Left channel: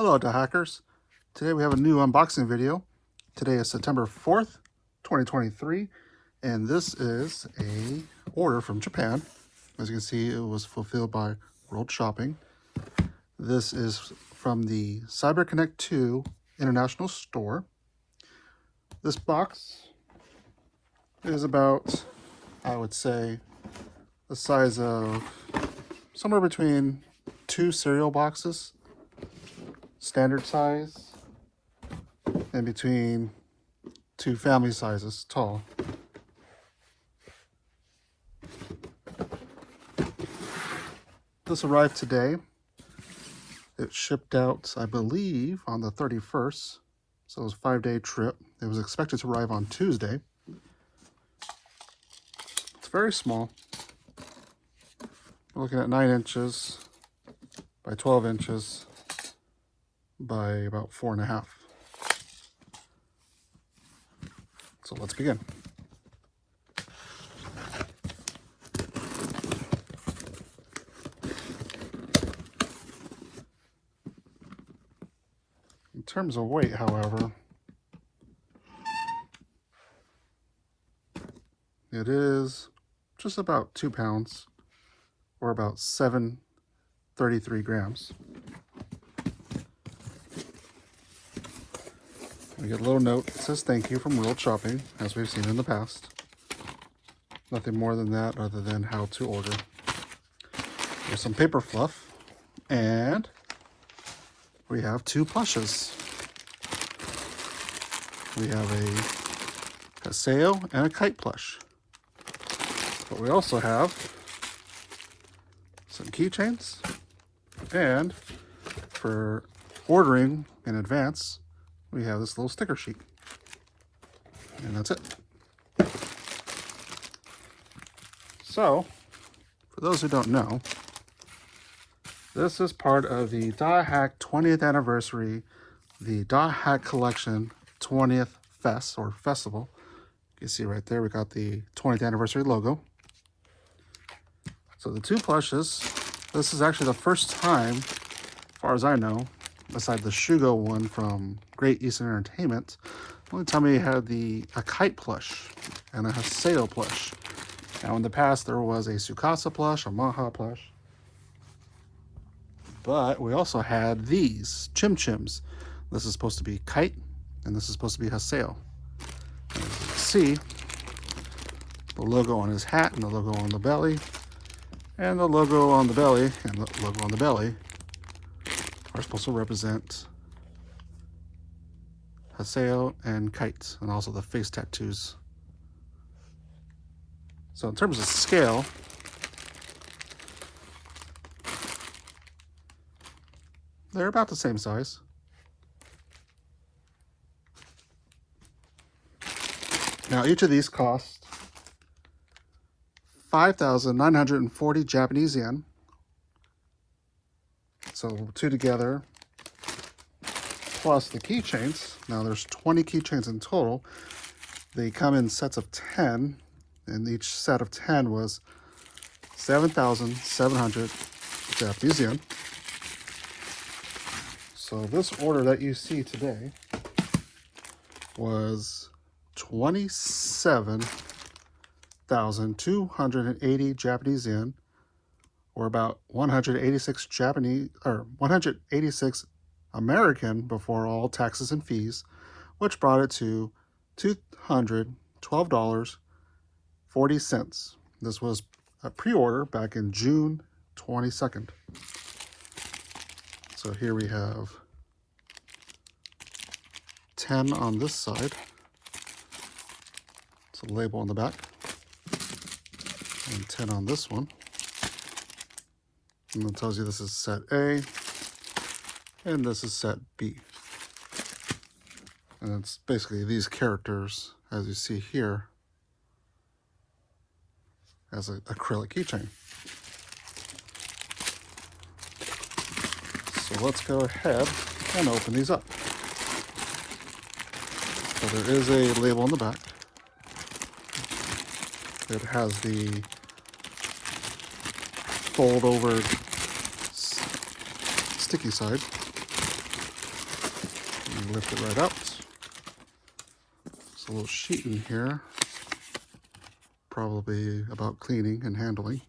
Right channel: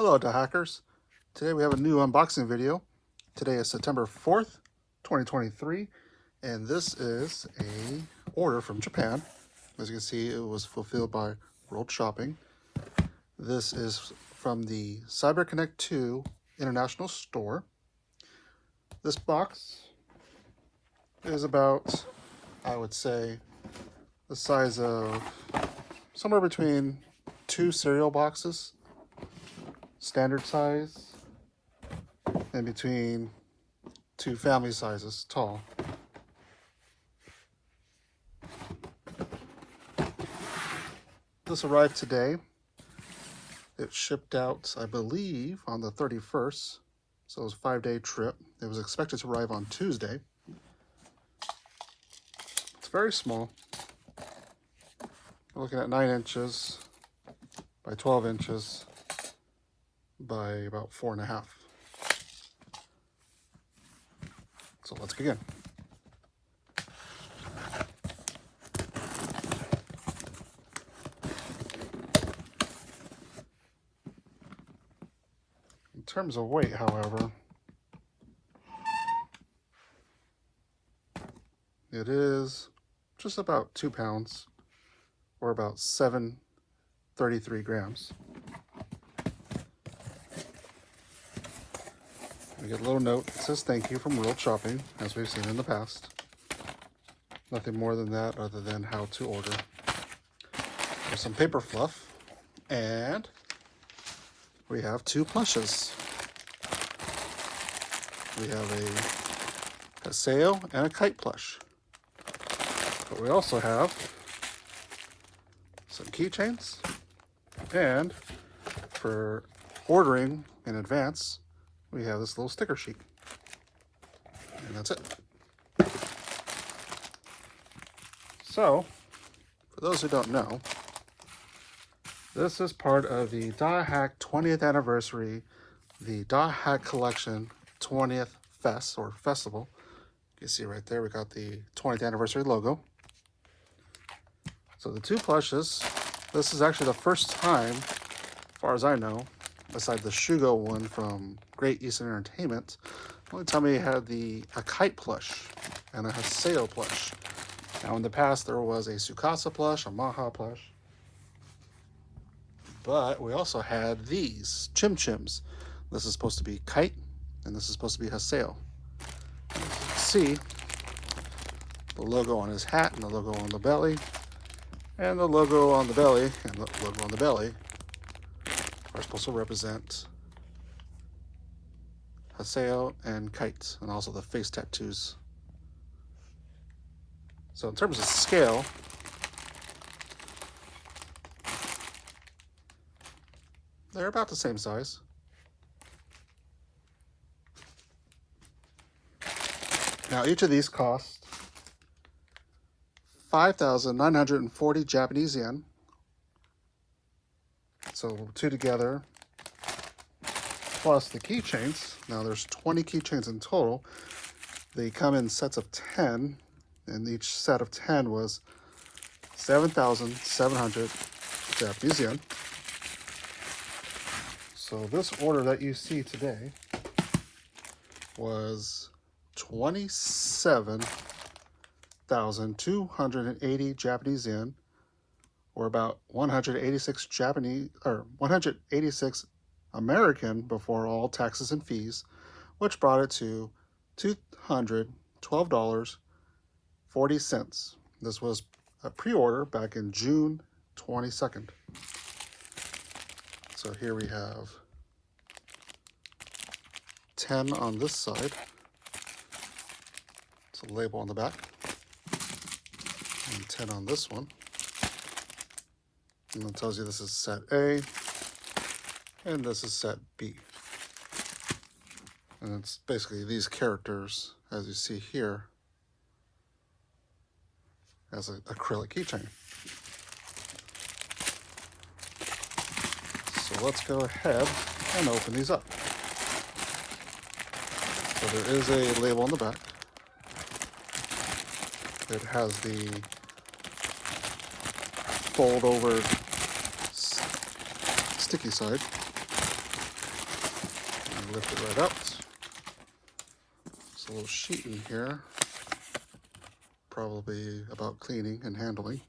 Hello Dohackers. Today we have a new unboxing video. Today is September 4th, 2023, and this is a order from Japan. As you can see, it was fulfilled by World Shopping. This is from the CyberConnect2 International Store. This box is about, I would say, the size of somewhere between 2 cereal boxes. Standard size, and between 2 family sizes tall. This arrived today. It shipped out, I believe, on the 31st, so it was a 5-day trip. It was expected to arrive on Tuesday. It's very small. We're looking at 9 inches by 12 inches. By about 4.5. So let's begin. In terms of weight, however, it is just about 2 pounds, or about 733 grams. We get a little note that says thank you from World Shopping, as we've seen in the past. Nothing more than that other than how to order. There's some paper fluff, and we have 2 plushes. We have a Haseo and a Kite plush. But we also have some keychains, and for ordering in advance, we have this little sticker sheet, and that's it. So, for those who don't know, this is part of the Dothack 20th anniversary, the Dothack Collection 20th Fest, or Festival. You can see right there, we got the 20th anniversary logo. So the 2 plushes, this is actually the first time, as far as I know, besides the Shugo one from Great Eastern Entertainment, one time we had a Kite plush and a Haseo plush. Now in the past there was a Tsukasa plush, a Maha plush, but we also had these Chim Chims. This is supposed to be Kite, and this is supposed to be Haseo. As you can see, the logo on his hat and the logo on the belly, and the logo on the belly and the logo on the belly are supposed to represent Haseo and Kite, and also the face tattoos. So in terms of scale, they're about the same size. Now each of these cost 5,940 Japanese yen. So 2 together, plus the keychains. Now there's 20 keychains in total. They come in sets of 10, and each set of 10 was 7,700 Japanese yen. So this order that you see today was 27,280 Japanese yen, or about 186 American before all taxes and fees, which brought it to $212.40. This was a pre-order back in June 22nd. So here we have 10 on this side. It's a label on the back. And 10 on this one. And it tells you this is set A, and this is set B. And it's basically these characters, as you see here, as an acrylic keychain. So let's go ahead and open these up. So there is a label on the back. It has the fold over sticky side. sheet in here, probably about cleaning and handling.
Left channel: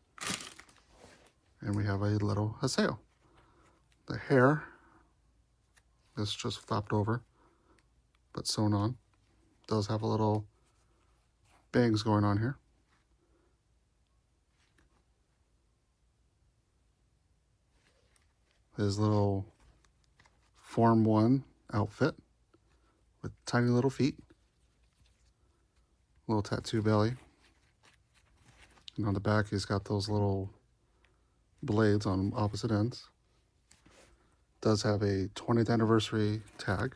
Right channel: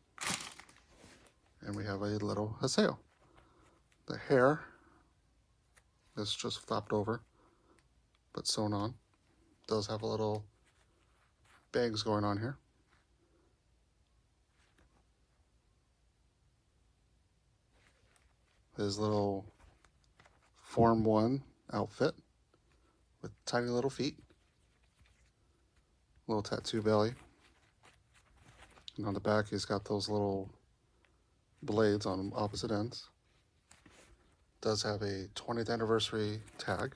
And we have a little Haseo. The hair is just flapped over, but sewn on. Does have a little bangs going on here. His little Form 1 outfit with tiny little feet. Little tattoo belly. And on the back he's got those little blades on opposite ends. Does have a 20th anniversary tag.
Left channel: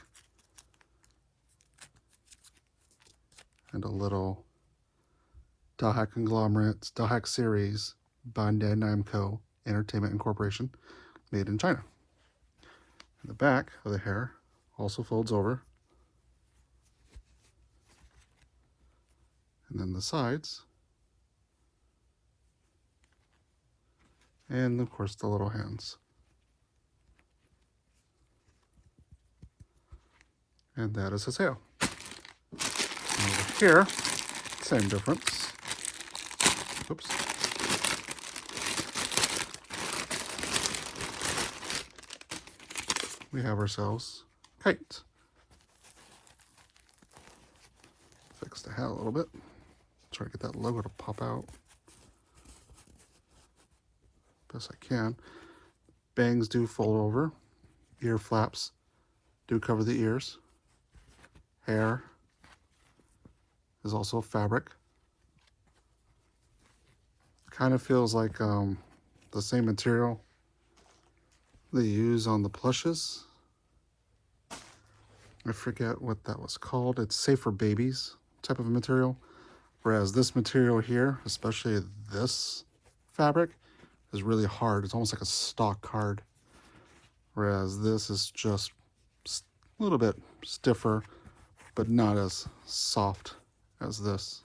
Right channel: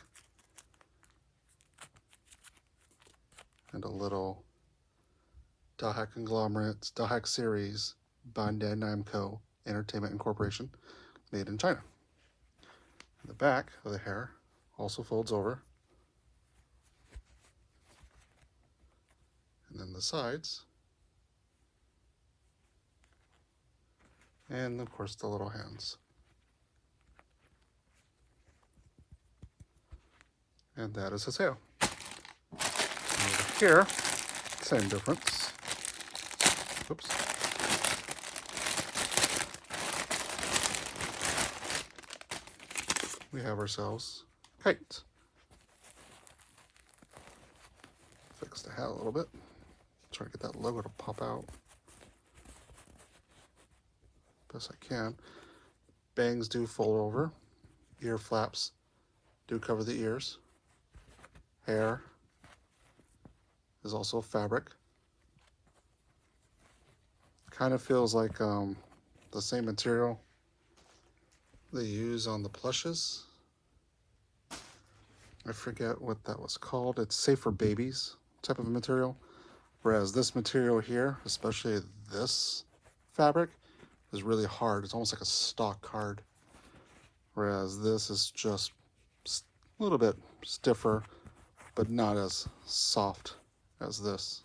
And a little Dothack conglomerates, Dothack series, Bandai Namco Entertainment Incorporation, made in China. And the back of the hair also folds over. And then the sides. And of course the little hands. And that is Haseo. And here, same difference. Oops. We have ourselves Kite. Fix the hat a little bit. Try to get that logo to pop out. Best I can. Bangs do fold over. Ear flaps do cover the ears. Hair is also fabric. Kind of feels like the same material they use on the plushes. I forget what that was called. It's safe for babies type of material. Whereas this material here, especially this fabric, is really hard. It's almost like a stock hard. Whereas this is just a little bit stiffer, but not as soft as this.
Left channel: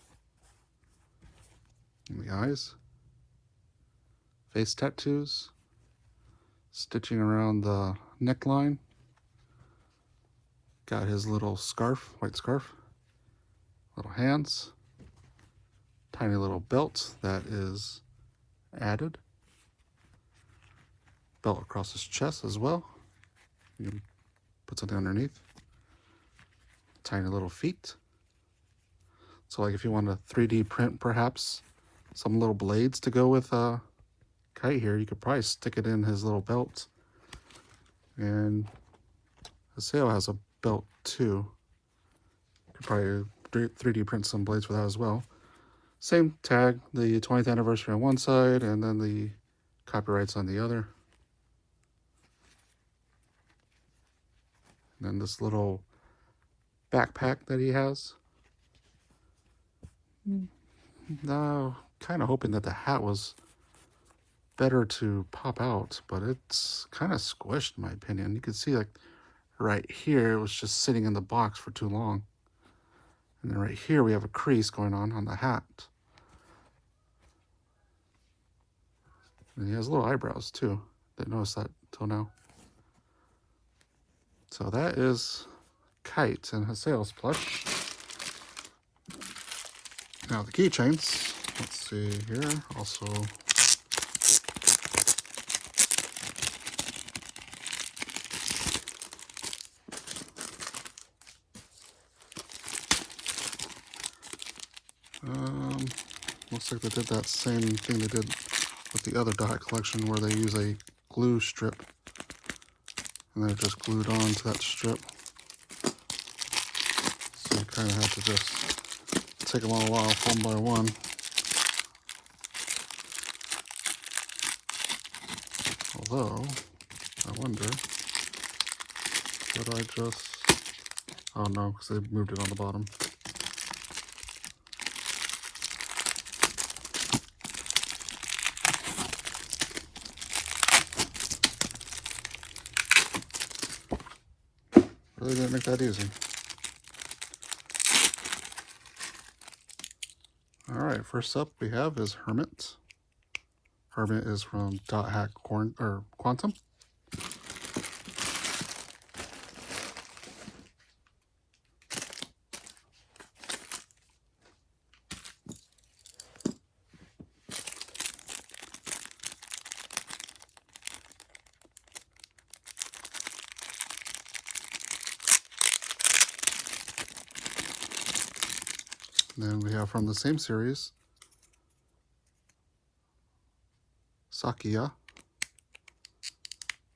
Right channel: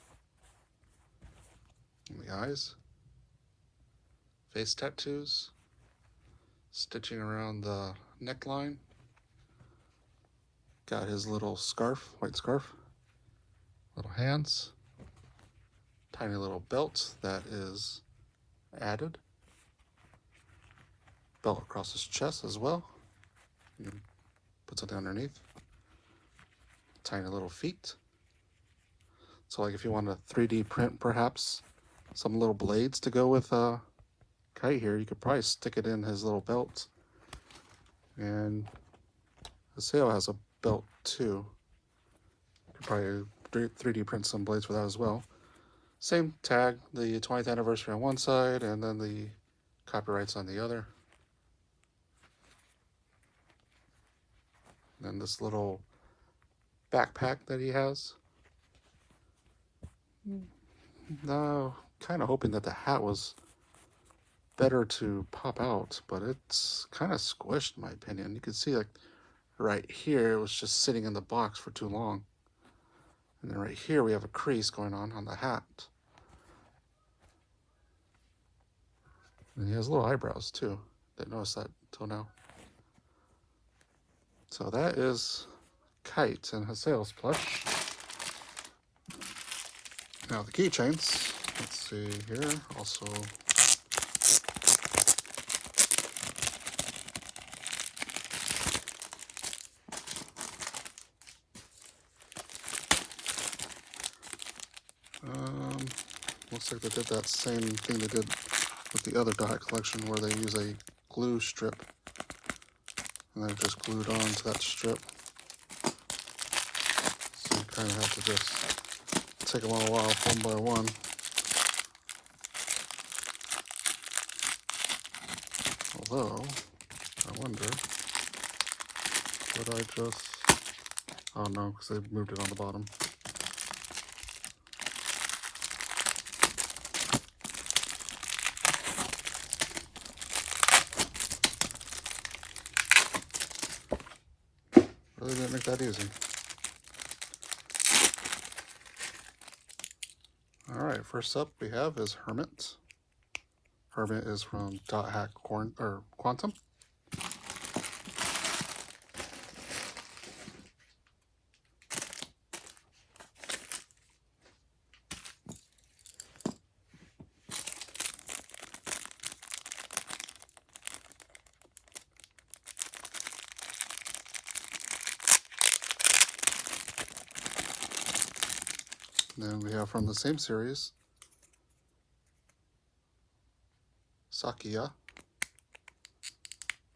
In the eyes. Face tattoos. Stitching around the neckline. Got his little scarf, white scarf. Little hands. Tiny little belt that is added. Belt across his chest as well. Put something underneath. Tiny little feet. So like if you want to 3D print perhaps some little blades to go with Kite here, you could probably stick it in his little belt. And Haseo has a belt too. You could probably 3D print some blades for that as well. Same tag, the 20th anniversary on one side and then the copyrights on the other. And then this little backpack that he has. No, kind of hoping that the hat was better to pop out, but it's kind of squished in my opinion. You can see like right here it was just sitting in the box for too long. And then right here we have a crease going on the hat. And he has little eyebrows too. Didn't notice that till now. So that is Kite and Haseo's plush. Now the keychains, let's see here, also looks like they did that same thing they did with the other Dothack collection where they use a glue strip and they're just glued on to that strip. So I kind of have to just take them all off one by one. Although, I wonder, could I just, oh no, because I moved it on the bottom. Really didn't make that easy. Alright, first up we have is Hermit. Hermit is from Dothack Quantum. Then we have from the same series, Sakia.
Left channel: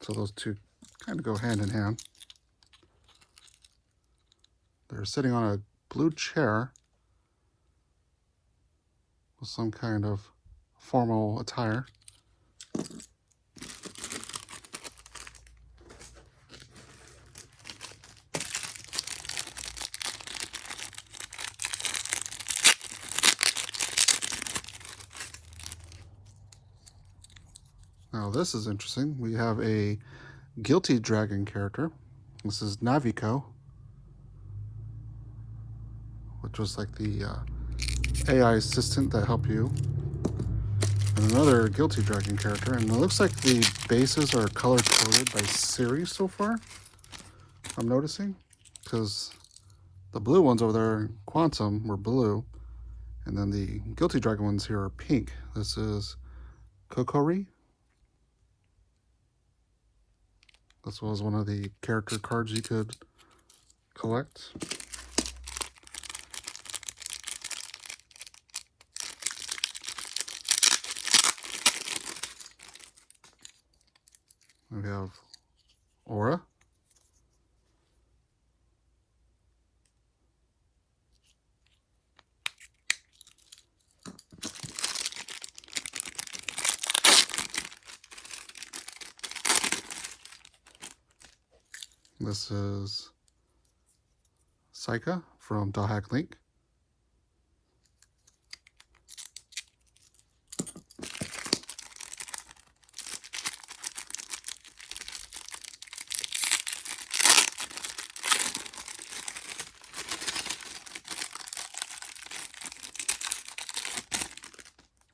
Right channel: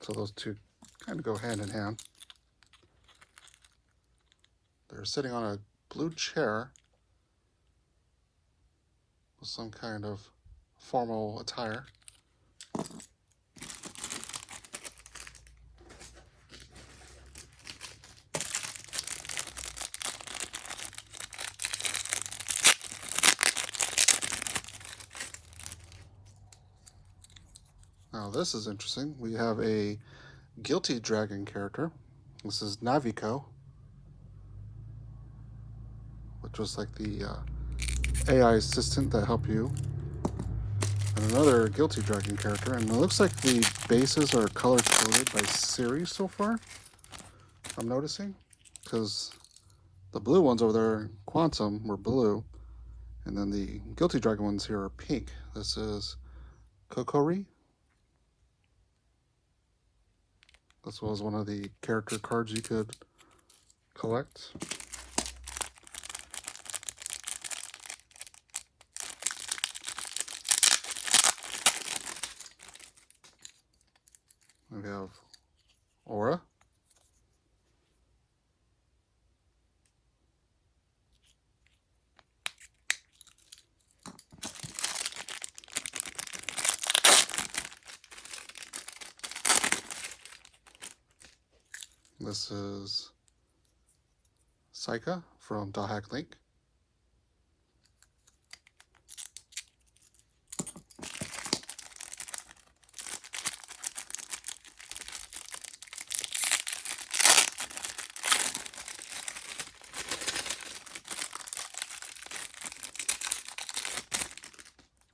So those two kind of go hand in hand. They're sitting on a blue chair with some kind of formal attire. Now this is interesting. We have a Guilty Dragon character. This is Navico, which was like the AI assistant that helped you. And another Guilty Dragon character, and it looks like the bases are color coded by series so far. I'm noticing, because the blue ones over there in Quantum were blue, and then the Guilty Dragon ones here are pink. This is Kokori. This was one of the character cards you could collect. We have Aura. This is Saika from Dothack Link.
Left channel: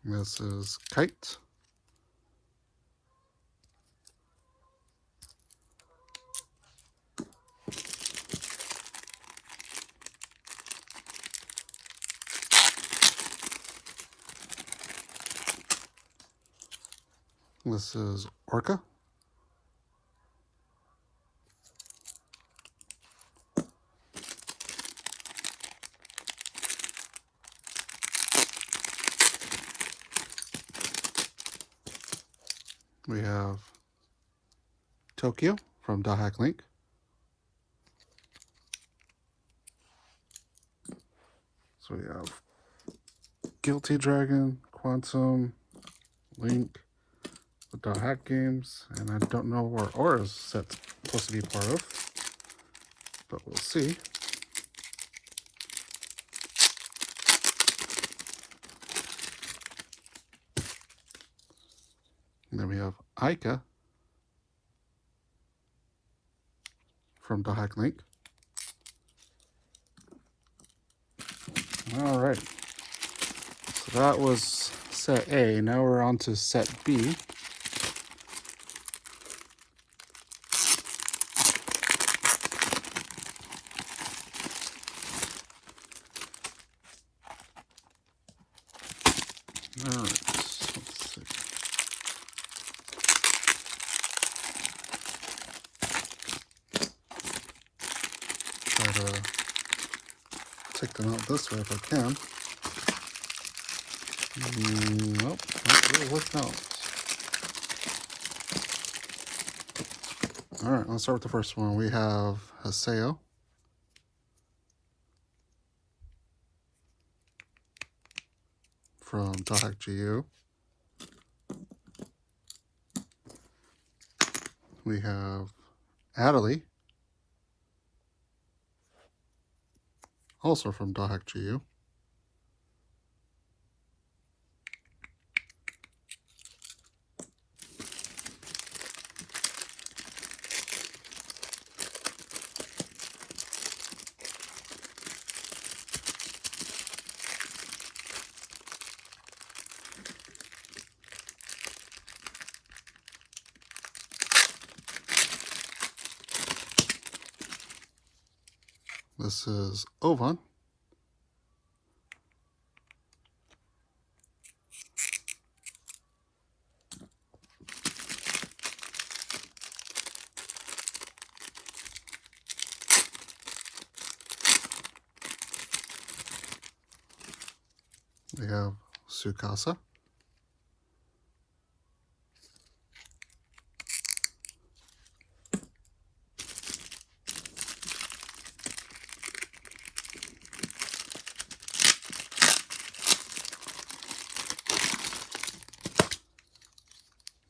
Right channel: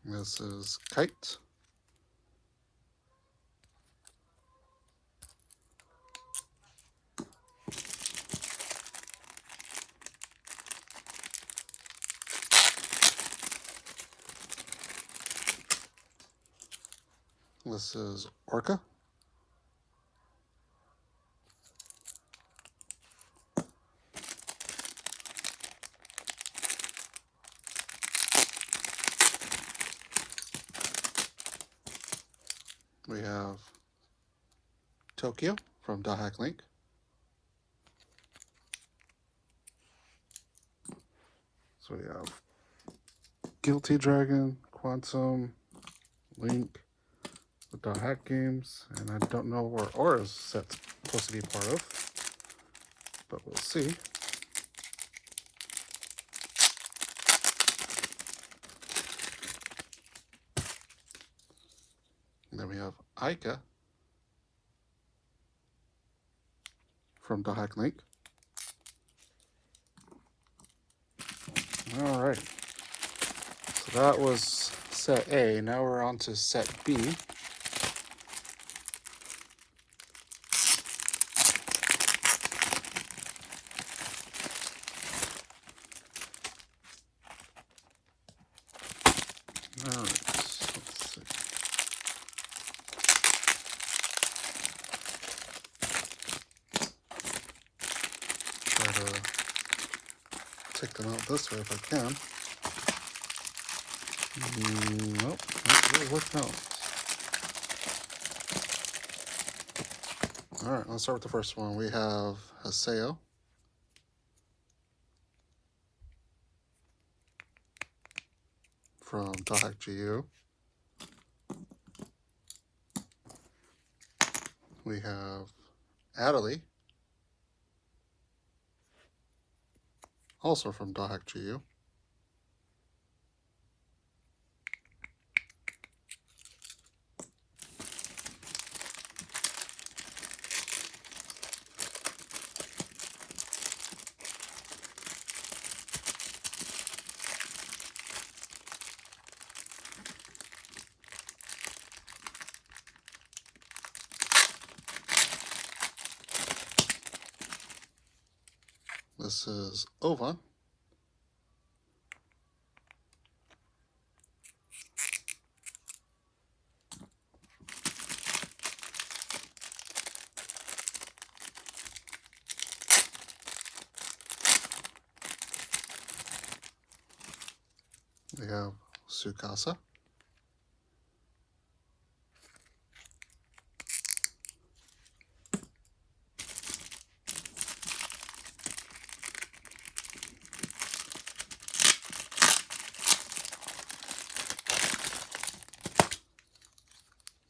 This is Kite. This is Orca. We have Tokyo from Dothack Link. So we have Guilty Dragon, Quantum, Link, the Dothack games, and I don't know where Aura's set's supposed to be part of, but we'll see. And then we have Aika from Dothack Link. All right, so that was set A. Now we're on to set B. Take them out this way if I can. Nope, that will work out. Alright, let's start with the first one. We have Haseo. From Dothack GU. We have Acrylic, also from Dothack GU. This is Ovan. to casa.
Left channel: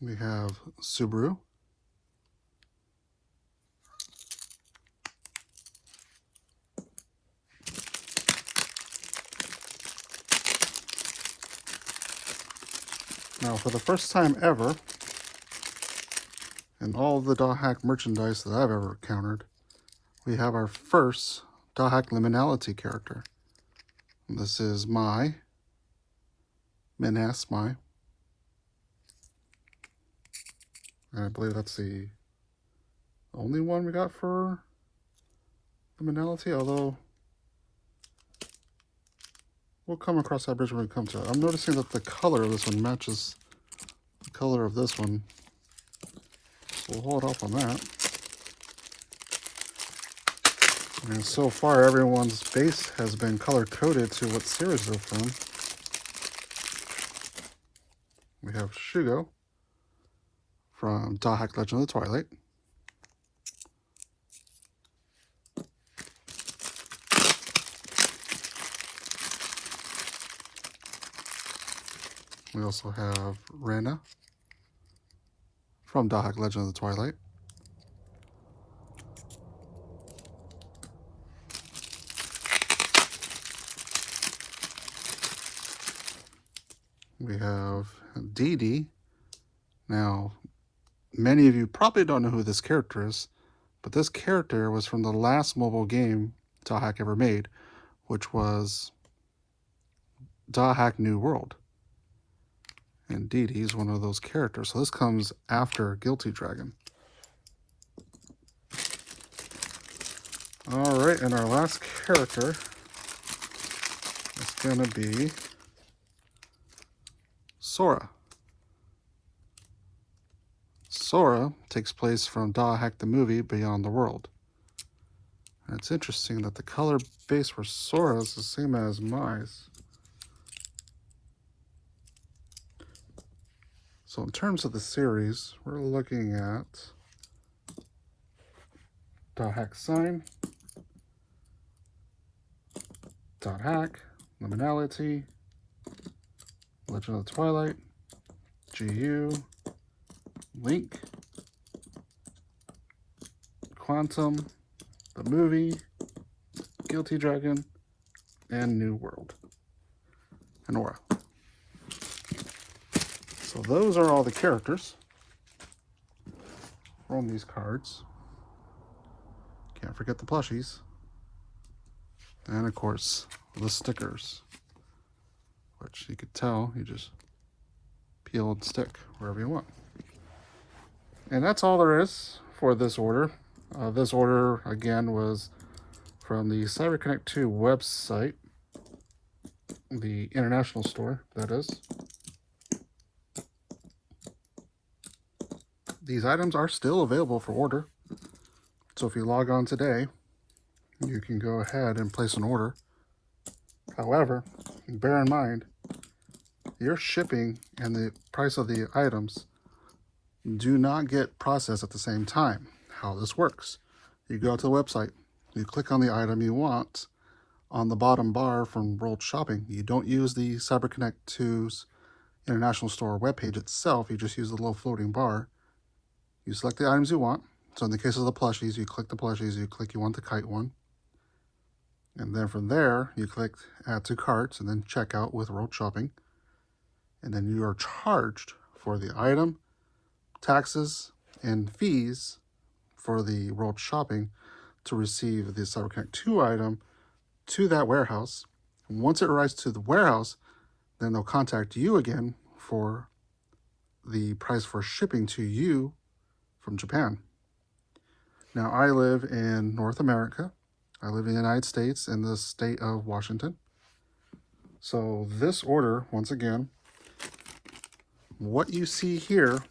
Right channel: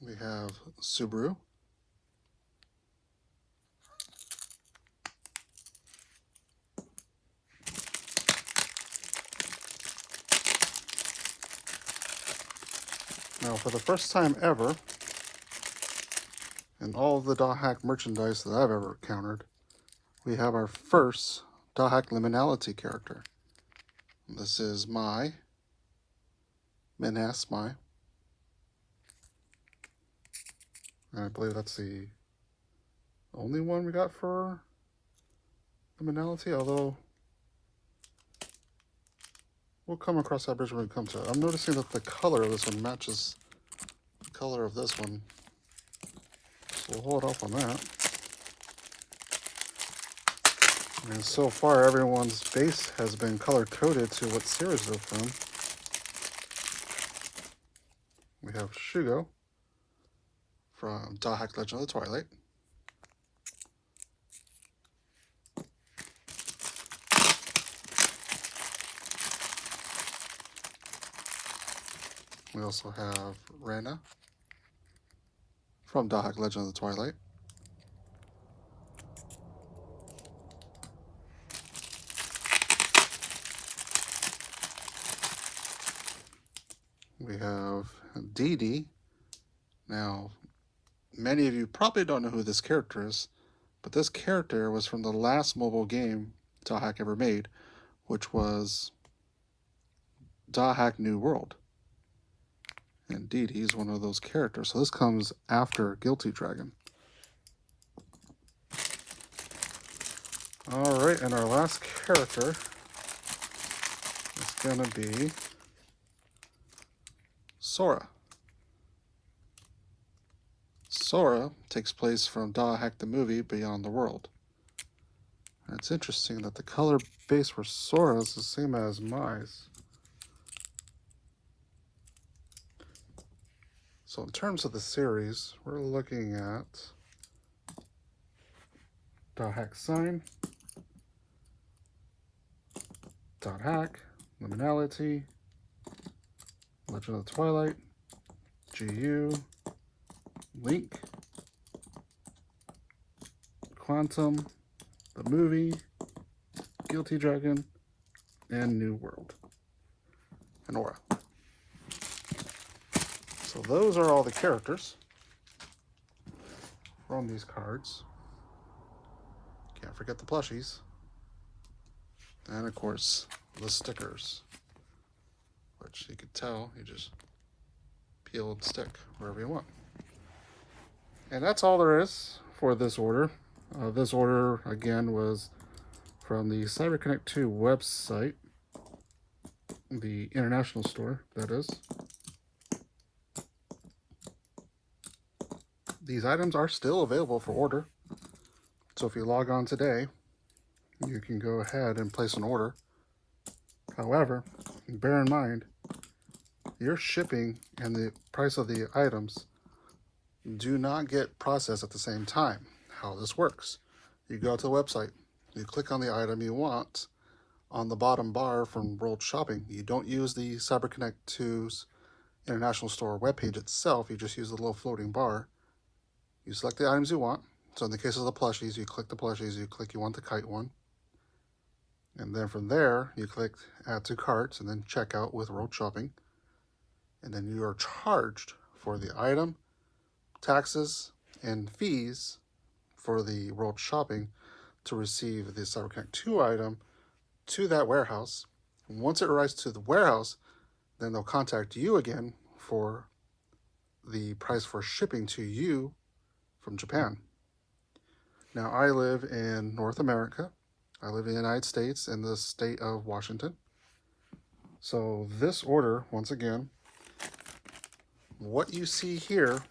We have Subaru. Now, for the first time ever, in all of the Dothack merchandise that I've ever encountered, we have our first Dothack liminality character. And this is my Minas, my. I believe that's the only one we got for liminality, although we'll come across that bridge when it comes to it. I'm noticing that the color of this one matches the color of this one. So we'll hold off on that. And so far, everyone's base has been color-coded to what series they're from. We have Shugo from Dothack Legend of the Twilight. We also have Rana from Dothack Legend of the Twilight. We have Dee Dee. Now, many of you probably don't know who this character is, but this character was from the last mobile game Dothack ever made, which was Dothack New World. And Dee Dee is one of those characters. So this comes after Guilty Dragon. Alright, and our last character is going to be Sora. Sora takes place from Dothack the movie Beyond the World. And it's interesting that the color base for Sora is the same as Mai's. So in terms of the series, we're looking at Dothack Sign, Dothack, Liminality, Legend of the Twilight, GU, Link, Quantum, the movie, Guilty Dragon, and New World, and Aura. So those are all the characters from these cards. Can't forget the plushies. And of course, the stickers, which you could tell, you just peel and stick wherever you want. And that's all there is for this order. This order, again, was from the CyberConnect2 website, the international store, that is. These items are still available for order. So if you log on today, you can go ahead and place an order. However, bear in mind, your shipping and the price of the items do not get processed at the same time. How this works: you go to the website, you click on the item you want on the bottom bar from World Shopping. You don't use the CyberConnect2's international store webpage itself, you just use the little floating bar. You select the items you want. So in the case of the plushies, you click the plushies, you click you want the Kite one. And then from there, you click add to carts and then checkout with World Shopping. And then you are charged for the item, taxes, and fees for the World Shopping to receive the CyberConnect2 item to that warehouse. And once it arrives to the warehouse, then they'll contact you again for the price for shipping to you from Japan. Now, I live in North America. I live in the United States in the state of Washington. So this order, once again, what you see here,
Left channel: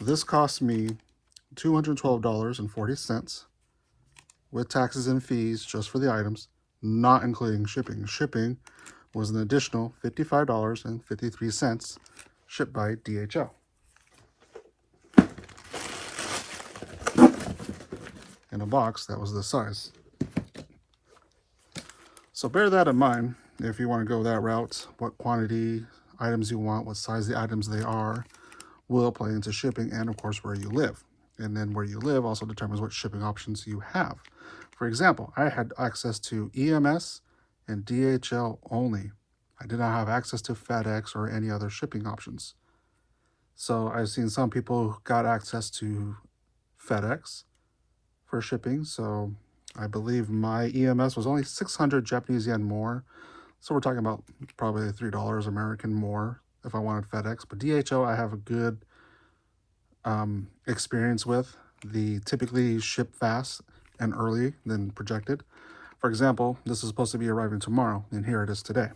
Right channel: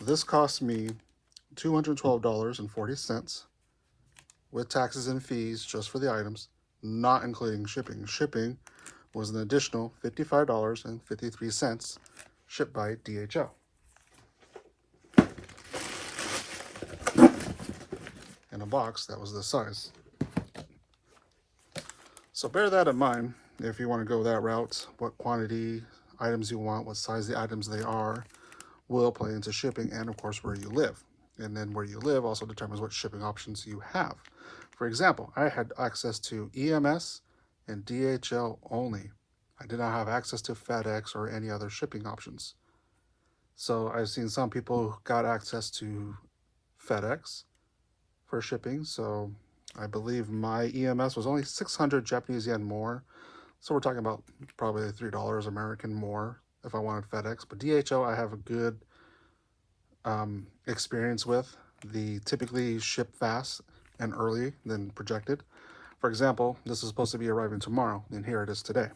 this cost me $212.40 with taxes and fees just for the items, not including shipping. Shipping was an additional $55.53 shipped by DHL. In a box that was this size. So bear that in mind if you want to go that route. What quantity items you want, what size the items they are, will play into shipping, and of course where you live. And then where you live also determines what shipping options you have. For example, I had access to EMS and DHL only. I did not have access to FedEx or any other shipping options. So I've seen some people who got access to FedEx for shipping. So I believe my EMS was only 600 Japanese yen more. So we're talking about probably $3 American more if I wanted FedEx. But DHL I have a good experience with. They typically ship fast and early than projected. For example, this is supposed to be arriving tomorrow, and here it is today.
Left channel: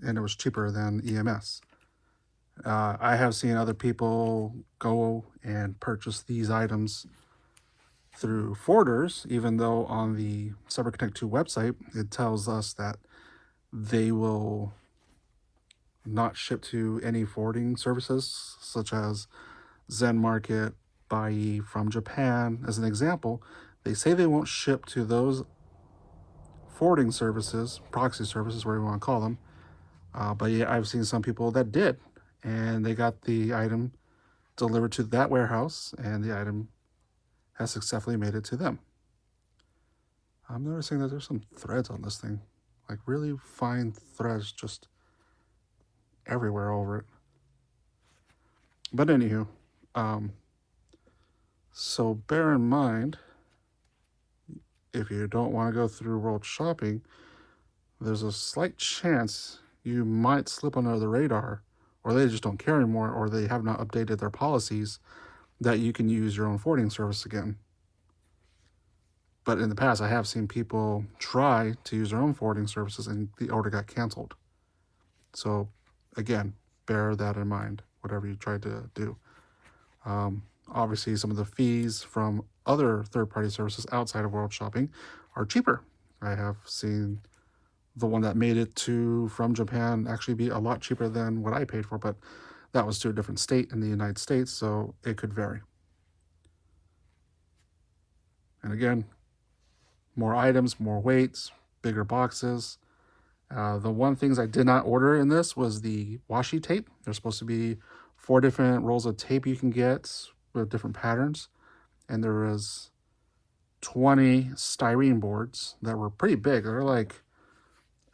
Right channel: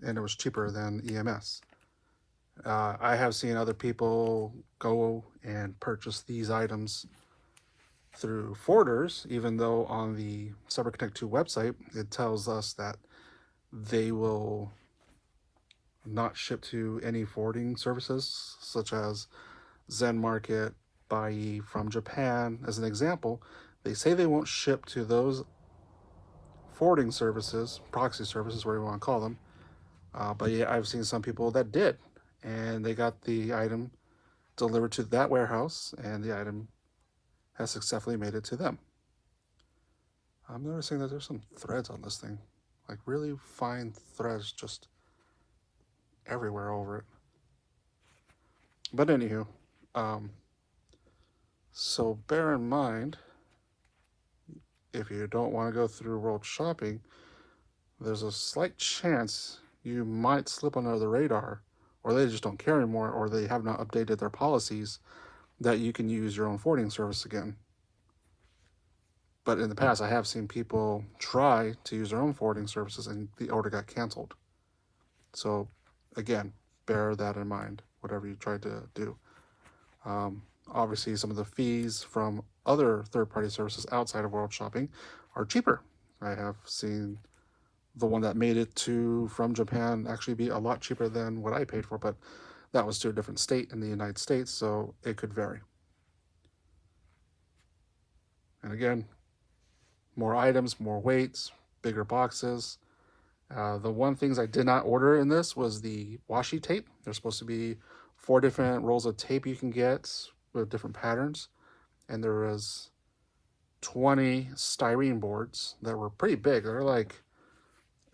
And it was cheaper than EMS. I have seen other people go and purchase these items through forwarders, even though on the CyberConnect2 website, it tells us that they will not ship to any forwarding services, such as Zen Market, Bai from Japan. As an example, they say they won't ship to those forwarding services, proxy services, whatever you want to call them. But yeah, I've seen some people that did, and they got the item delivered to that warehouse, and the item has successfully made it to them. I'm noticing that there's some threads on this thing, like really fine threads just everywhere over it. But anywho, so bear in mind, if you don't want to go through world shopping, there's a slight chance you might slip under the radar, or they just don't care anymore, or they have not updated their policies that you can use your own forwarding service again. But in the past, I have seen people try to use their own forwarding services and the order got canceled. So again, bear that in mind, whatever you try to do. Obviously, some of the fees from other third-party services outside of world shopping are cheaper. I have seen the one that made it from Japan actually be a lot cheaper than what I paid for, but that was to a different state in the United States, so it could vary. And again, more items, more weights, bigger boxes. The one things I did not order in this was the washi tape. There's supposed to be 4 different rolls of tape you can get with different patterns. And there is 20 styrene boards that were pretty big. They're like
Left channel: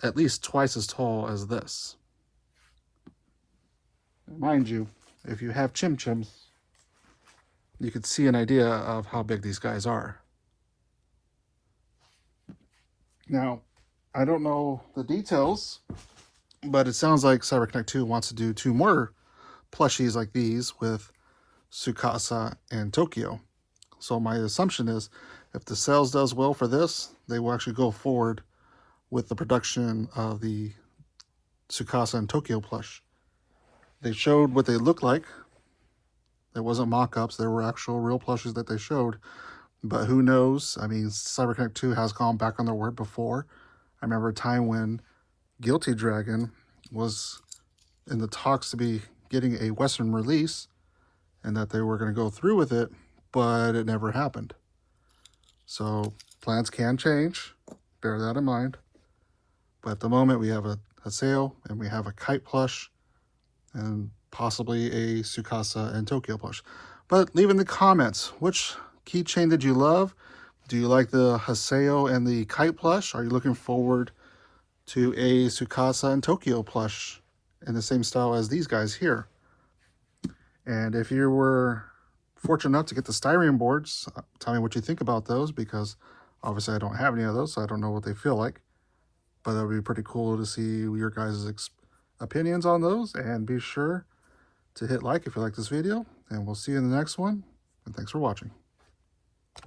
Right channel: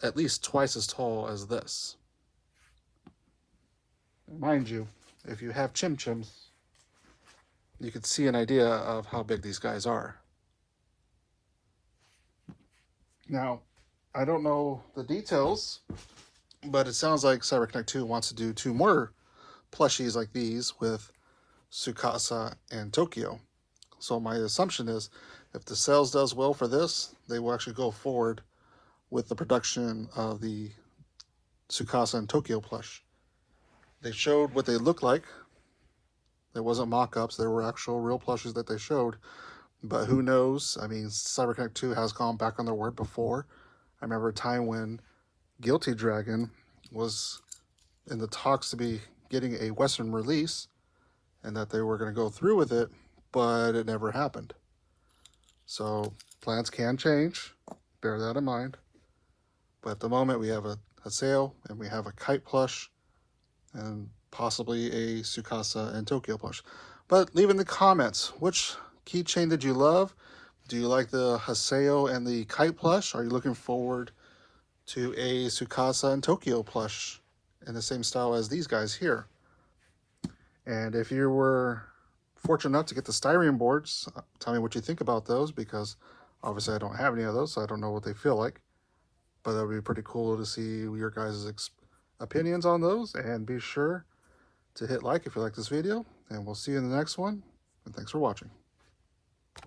at least twice as tall as this. Mind you, if you have chim chims, you could see an idea of how big these guys are. Now, I don't know the details, but it sounds like CyberConnect2 wants to do 2 more plushies like these with Tsukasa and Tokyo. So my assumption is if the sales does well for this, they will actually go forward with the production of the Tsukasa and Tokyo plush. They showed what they look like. It wasn't mock-ups, there were actual real plushes that they showed. But who knows? I mean, CyberConnect2 has gone back on their word before. I remember a time when Guilty Dragon was in the talks to be getting a Western release and that they were going to go through with it, but it never happened. So plans can change. Bear that in mind. But at the moment, we have a Haseo and we have a Kite plush and possibly a Tsukasa and Tokyo plush. But leave in the comments, which keychain did you love? Do you like the Haseo and the Kite plush? Are you looking forward to a Tsukasa and Tokyo plush in the same style as these guys here? And if you were fortunate enough to get the Styrene boards, tell me what you think about those, because obviously I don't have any of those, so I don't know what they feel like. But that would be pretty cool to see your guys' opinions on those. And be sure to hit like if you like this video, and we'll see you in the next one. And thanks for watching.